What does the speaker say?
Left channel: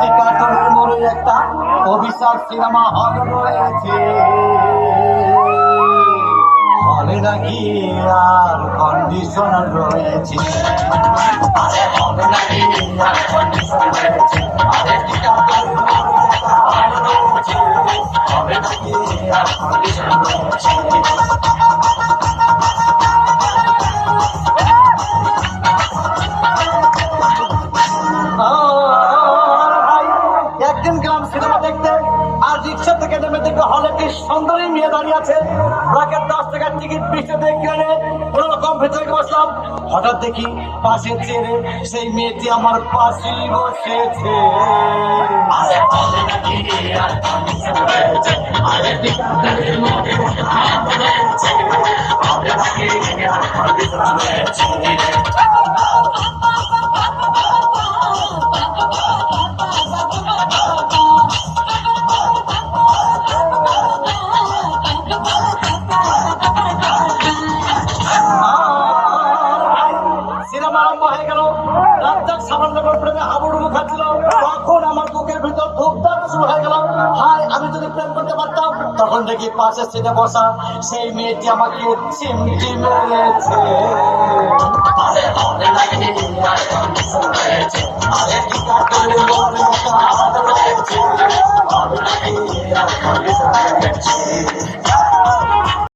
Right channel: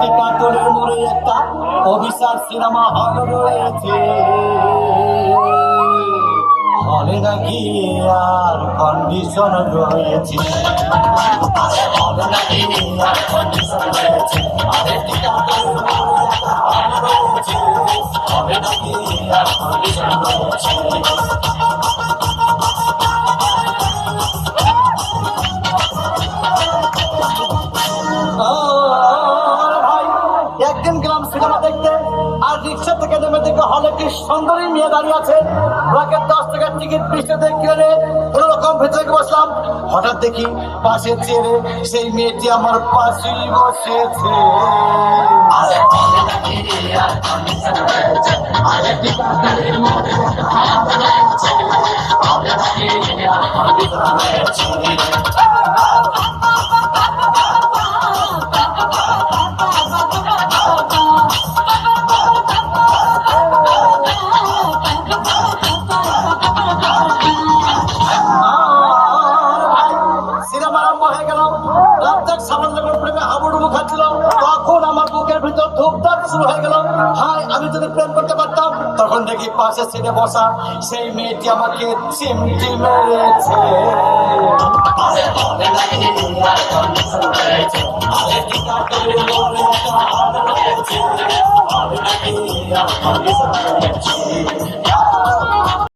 টিকাটনের মোড়ে একটা অভিশাপ সিনেমা হল রয়েছে, হলে নাকি আর কন্ডিশন রয়েছে, হলে নাকি আর কন্ডিশন রয়েছে, আরে টিকাটনের মোড়ে একটা হল রয়েছে, হলে নাকি আর কন্ডিশন রয়েছে। একদিন গেলাম সিনেমা দেখতে, আর রিক্সা থেকে নেমে দেখে হলে একটি সুন্দরী মেয়ে দাঁড়িয়ে আছে। ব্লকের 10 টাকার টিকিট 20 টাকা কিনে কোন রকম ভেতরে বসলাম। হঠাৎ দেখি পাশে চেয়ারে সেই মেয়েটি আমার পাশেই বসেছে। সিনেমা আরম্ভ হয়ে গেল, রাজ্জাক সামান্য প্রেমে হাবুডুবু খাচ্ছিল, তখন আমার বুকের ভিতর ধূপধাপ শুরু হয়ে গেল। হাই, আমি যদি প্রেম করতে পারতাম। তখন দেখি পাশে সিটে বসা সেই মেয়েটি আমাকে চিমটি মেরেছে। আরে